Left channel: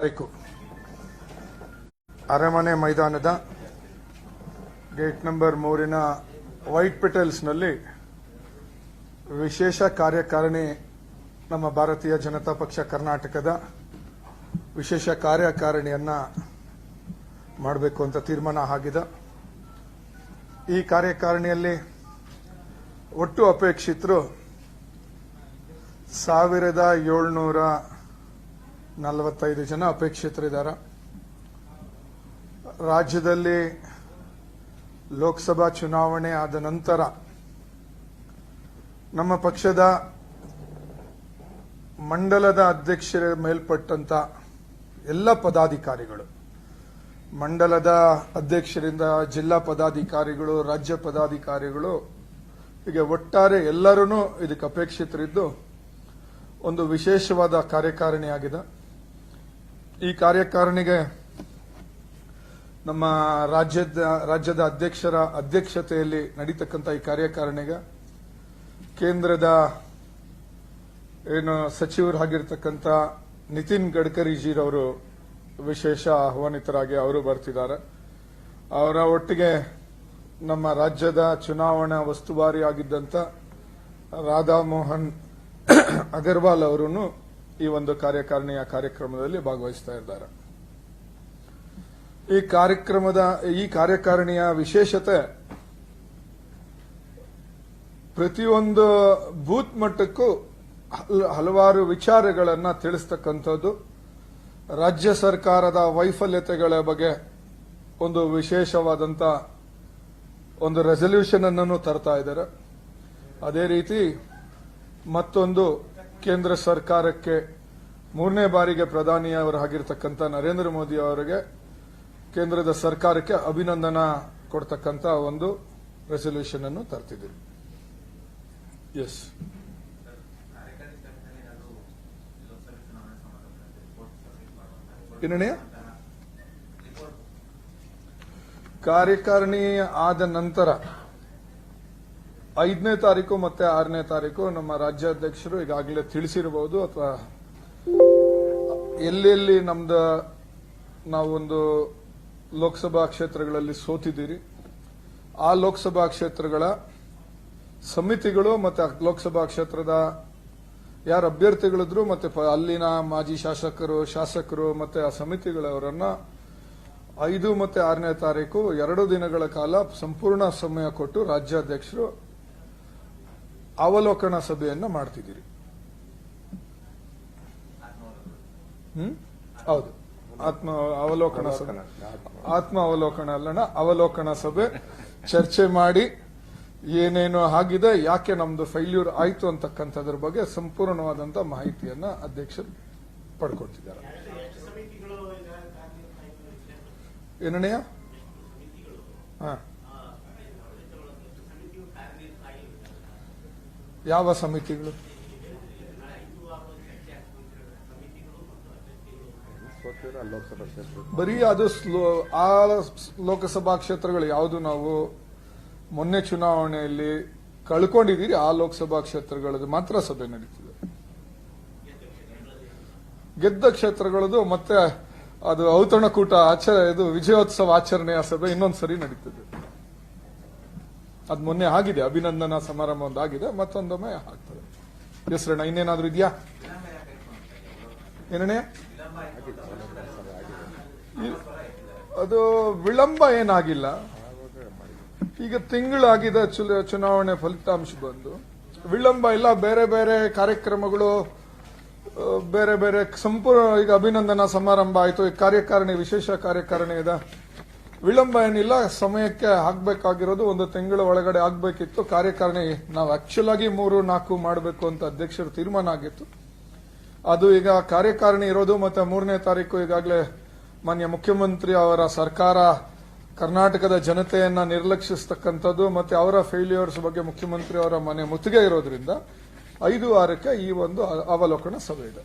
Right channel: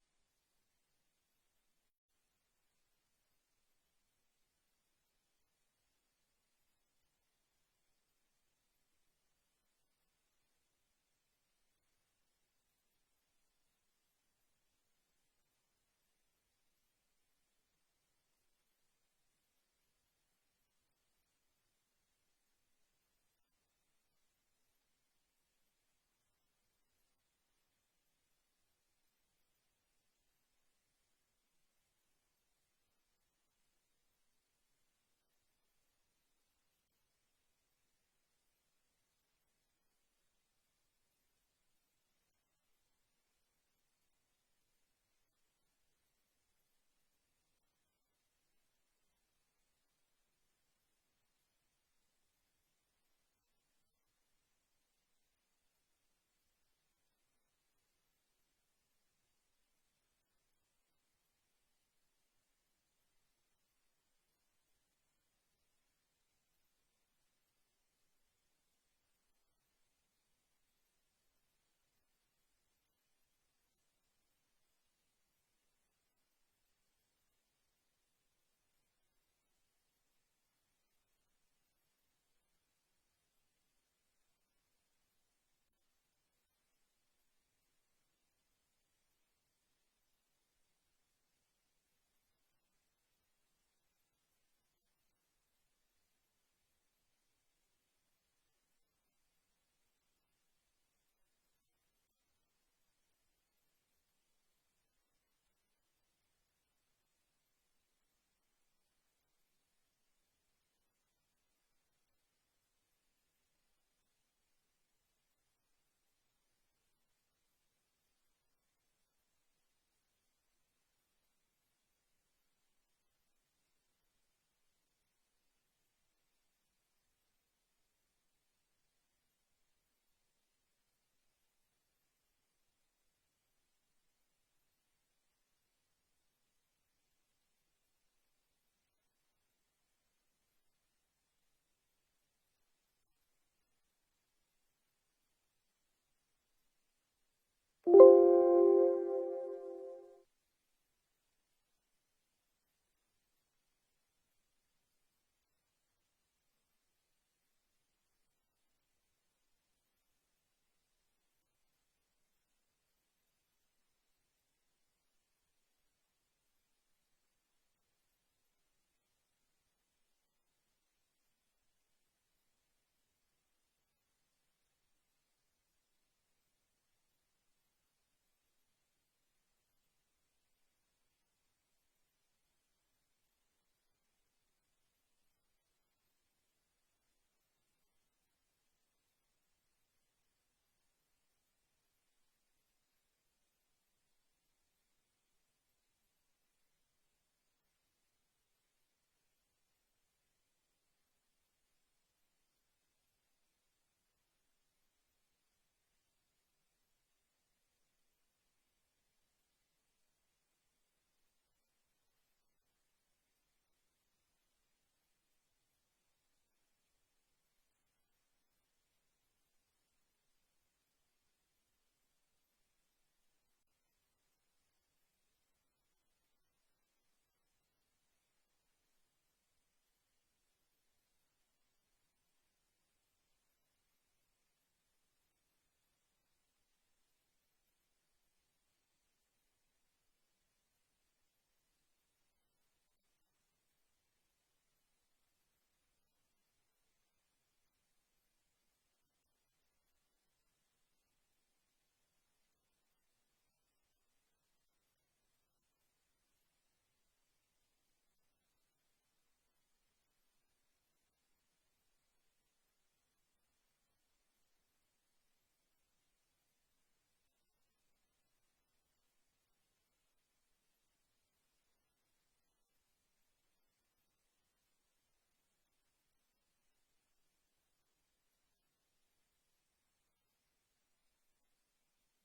ತಾರೀಕು. ಅರಮನೆ ಮೈದಾನದ ಗೇಟ್ ನಂಬರ್ ಮೂರಿನ ವೈಟ್ ಪೆಟಲ್ಸ್ನಲ್ಲಿ ವಿಶೇಷ ಕಾರ್ಯಕಾರಿಣಿ ನಮ್ಮ ಭಾರತೀಯ ಜನತಾ ಪಕ್ಷ ಕರ್ನಾಟಕದ ವಿಶೇಷ ಕಾರ್ಯಕಾರಿಣಿಯನ್ನ ಮಾಡಬೇಕು ಅಂತ ತೀರ್ಮಾನ ಆಗಿದೆ. ಈ ಕಾರ್ಯಕಾರಿಣಿಯಲ್ಲಿ ಒಟ್ಟು ಅಪೇಕ್ಷಿತರು ಸಾವಿರದ ಏಳ್ನೂರ ನಲವತ್ತೈದು ಜನ ಅಪೇಕ್ಷಿತರಿದ್ದಾರೆ. ರಾಜ್ಯದಲ್ಲಿ ಲೋಕಸಭಾ ಚುನಾವಣೆ ಆದ ನಂತರ ನಮ್ಮ ಪಕ್ಷದ ಮಂಡಲದ ಅಧ್ಯಕ್ಷರ ಮೇಲ್ಪಟ್ಟಂತ ಎಲ್ಲ ಪದಾಧಿಕಾರಿಗಳು, ಮಂಡಲದ ಅಧ್ಯಕ್ಷರಿಂದ ಜಿಲ್ಲಾ ಪದಾಧಿಕಾರಿಗಳು, ರಾಜ್ಯ ಪದಾಧಿಕಾರಿಗಳು, ಹೀಗೆ ಒಟ್ಟಾರೆ ಎಲ್ಲರೂ ಇದಕ್ಕೆ ಅಪೇಕ್ಷಿತರಿದ್ದು ಒಂದು ವಿಶೇಷವಾದ ಕಾರ್ಯಕಾರಿಣಿಯಾಗಿದೆ. ಈ ಕಾರ್ಯಕಾರಣಿಗೆ ನಮ್ಮ ರಾಜ್ಯದ ರಾಜ್ಯದ ಅಧ್ಯಕ್ಷರ ಅಧ್ಯಕ್ಷತೆಯಲ್ಲಿ ನಡೀತಕ್ಕಂಥ ಈ ಕಾರ್ಯಕಾರಣಿಗೆ ಕೇಂದ್ರದ ಏನು ಸಚಿವರಾಗಿರ್ತಕ್ಕಂಥ ನಿತಿನ್ ಗಡ್ಕರಿಜಿರವರು ವಿಶೇಷ ಆಹ್ವಾನಿತರಾಗಿ ಅವರು ಬರ್ತಿದ್ದಾರೆ. ಅವರ ಒಟ್ಟಿಗೆ ನಮ್ಮ ರಾಜ್ಯದ ಚುನಾವಣಾ ವಸ್ತುವಾರಿ ಆಗಿದ್ದಂಥ ರಾಧಾ ಮೋಹನ್ ಅಗರ್ವಾಲ್ ಅವರೂ ಈ ಒಂದು ಕಾರ್ಯಕಾರಿಣಿಯ ಕಾರ್ಯಕ್ರಮದಲ್ಲಿ ಭಾಗವಹಿಸ್ತಾ ಇದ್ದಾರೆ. ಈ ಕಾರ್ಯಕ್ರಮದ, ಈ ಕಾರ್ಯಕಾರಿಣಿಯ ವಿಶೇಷತೆ ಪ್ರತಿಯೊಂದು ಬೂತ್ ಮಟ್ಟಕ್ಕೂ ಹಲ- ಹಲವಾರು ವಿಚಾರಗಳನ್ನು ತಿಳಿಸ್ತಕ್ಕಂಥದ್ದು. ರಾಜ್ಯ ಸರ್ಕಾರದ ವೈಫಲ್ಯತೆಗಳ ಬಗ್ಗೆ ಒಂದು ವಿಶೇಷವಾದಂತ ಒಂದು ರೆಸಲ್ಯೂಷನ್ ಅನ್ನು ತರ್ತಾ ಇದ್ದಾರೆ. ಅದೇ ರೀತಿ ಮತ್ತೊಂದು ಕೇಂದ್ರ ಸರ್ಕಾರಕ್ಕೆ ಮೂರನೇ ಬಾರಿಗೆ ಪ್ರಧಾನಿಯವರಾಗಿರ್ತಕ್ಕಂಥ ನರೇಂದ್ರ ಮೋದಿ ಅವರಿಗೆ ಕೇಂದ್ರದ ಸರ್ಕಾರಕ್ಕೆ ಅಭಿನಂದನ ಕೊಡ್ತಕ್ಕಂಥ ಒಂದು ರೆಸಲ್ಯೂಷನ್ ಅನ್ನು ತರ್ತಿದ್ದೀವಿ. ಎಸ್ ಏನಣ್ಣ ಕಾರ್ಯಕಾರಿಣಿ ಆದ ನಂತರ ಐದನೇ ತಾರೀಕು ಮತ್ತೆ ಆರನೇ ತಾರೀಕು ನಮ್ಮ ರಾಜ್ಯಾಧ್ಯಕ್ಷರು ಈಗಾಗಲೇ ತಿಳಿಸಿರಬಹುದು ಅಥವಾ ಎಲ್ಲೆಲ್ಲಿ ನಮ್ದು ನಾವೊಂದು ಲೋಕಸಭಾ ಕ್ಷೇತ್ರಗಳಲ್ಲಿ ಸೋತಿದ್ದೀರಿ, ಆ ಲೋಕಸಭಾ ಕ್ಷೇತ್ರಗಳ ಸಮಿತಿಗಳು ಮತ್ತೆ ಲೋಕಸಭಾ ಕ್ಷೇತ್ರದ ಯಾರು ಅಭ್ಯರ್ಥಿಗಳಿದ್ರು ಮತ್ತೆ ಅಲ್ಲಿನ ಮಾಜಿ ಶಾಸಕರು ಶಾಸಕರು ಮತ್ತೆ ಆ ಸಮಿತಿಗಳವರನ್ನ ಐದು ಮತ್ತೆ ಆರನೇ ತಾರೀಕು ಎರಡು ದಿನಗಳ ಕಾಲ ಸಂಪೂರ್ಣ ಸಮಯ ಕೊಟ್ಟು ರಾಜ್ಯಾಧ್ಯಕ್ಷರು ಅವಲೋಕನ ಸಭೆಯನ್ನು ಮಾಡ್ತಿದ್ದೀರಿ. ಹ್ಮ್? ಹೌದು. ಆತ್ಮ ಅವಲೋಕನ ಸಭೆ. ಆತ್ಮ ಅವಲೋಕನ ಅಲ್ಲಣ್ಣ, ಅವಲೋಕನ ಸಭೆ. ಚರ್ಚೆ ಮಾಡಿ ಏನೇನು ಆಗಿದೆ, ಯಾಕೆ ನಮ್ದು ಫೈಲ್ಯೂರ್ ಆಯ್ತು ಅಂತಕ್ಕಂಥದ್ರ ಬಗ್ಗೆ ಸಂಪೂರ್ಣವಾದಂತ ಮಾಹಿತಿಯನ್ನ ಅಧ್ಯಕ್ಷರು ಪಡ್ಕೊಳ್ತಿದ್ದಾರೆ. ಏನಣ್ಣಯ್ಯ ಹಾ. ಯಾವ ಸಮಿತಿಗಳು? ಬರೀ ಅದು ಸ್ಲೋ- ಆ ಲೋಕಸಭಾ ಕ್ಷೇತ್ರಗಳು ಯಾವುದು ನಾವು ಮೊನ್ನೆ ಚುನಾವಣೆಯಲ್ಲಿ ಕಳ್ಕೊಂಡಿದ್ದೀರಿ, ಆ ಲೋಕಸಭಾ ಕ್ಷೇತ್ರಗಳದ್ದು ಮಾತ್ರ ಸಭೆ ನಡೀತಿದೆ. ಗೆದ್ದ ಕ್ಷೇತ್ರಗಳದು ಮತ್ತೆ ಅದು ಔತಣಕೂಟ ಆಚರ ಇದು ವಿಜಯೋತ್ಸವ ಆಚರಣೆಯ ಸಭೆ ಇನ್ನೊಂದು ಸರಿ ನಡೀತದೆ. ಅದು ಮೊನ್ನೆ ಆಗಿದೆ, ಅಭಿನಂದನಾ ಸಮಾರಂಭ ಒಂದು ಆಗಿದೆ, ಮತ್ತೊಂದೊಮ್ಮೆ ಆಗ್ತದೆ. ಹೆಸರಣ್ಣ, ಇನ್ನೇನಾದ್ರೂ ಇದೆಯಾ? ಏನಣ್ಣೆ? ಅದು ವಿಳಂಬ ಏನಾಗಿಲ್ಲ. ಈಗ ತಿಂಗಳಾಗಿದೆ ಚುನಾವಣೆ ಫಲಿತಾಂಶ ಬಂದು. ವಿಳಂಬ ಇಲ್ಲ, ಬೇರೆ ಬೇರೆ ಕಾರ್ಯಕ್ರಮಗಳು ಬೇರೆ ಬೇರೆ ಸಂಪೂರ್ಣ ಈಗ ಅಭಿನಂದನಾ ಸಮಾರಂಭ ಆಯಿತು. ಈ ಕಾರ್ಯಕಾರಿಣಿ, ವಿಶೇಷ ಕಾರ್ಯಕಾರಿಣಿ ಇದೆ. ವಿಳಂಬ ಏನಿಲ್ಲ, ಸಮಯಕ್ಕೆ ಆಗ್ಬೇಕಾಗಿರೋದು ಒಂದು ತಿಂಗಳ ಒಳಗಡೆ ಆಗ್ಬೇಕಿತ್ತು. ಕಾರ್ಯಕಾರಿಣಿ, ನಾವು ಆಕ್ಚುಲ್ ಆಗಿ ಮೂರು, ನಾಲ್ಕು ಮಾಡಬೇಕು ಅಂತ ಅಧ್ಯಕ್ಷರು ತೀರ್ಮಾನ ಆಗಿತ್ತು. ಅದು ಈಗ ಕಾರ್ಯಕಾರಿಣಿ ಇರೋದು, ಮತ್ತೆ ಮೂರನೇ ತಾರೀಕು ಈಗಾಗಲೇ ಮಾನ್ಯ ಮುಖ್ಯಮಂತ್ರಿ ಅವರ ಸರ್ಕಾರ ಕರ್ನಾಟಕದ ಜನತೆಯನ್ನ ನಿರ್ಲಕ್ಷಿಸ್ತಕ್ಕಂಥದ್ದು, ಮತ್ತೆ ಅವರ ಫೇಲ್ಯೂರ್ಸ್ ಬಗ್ಗೆ ಮುಖ್ಯಮಂತ್ರಿ ಅವರ ಮನೆ ಮುತ್ತಿಗೆ ಇರೋದ್ರಿಂದ ಐದು ವಾರಕ್ಕೆ ಈ ಒಂದು ಅವಲೋಕನ ಸಭೆ ಇದೆ.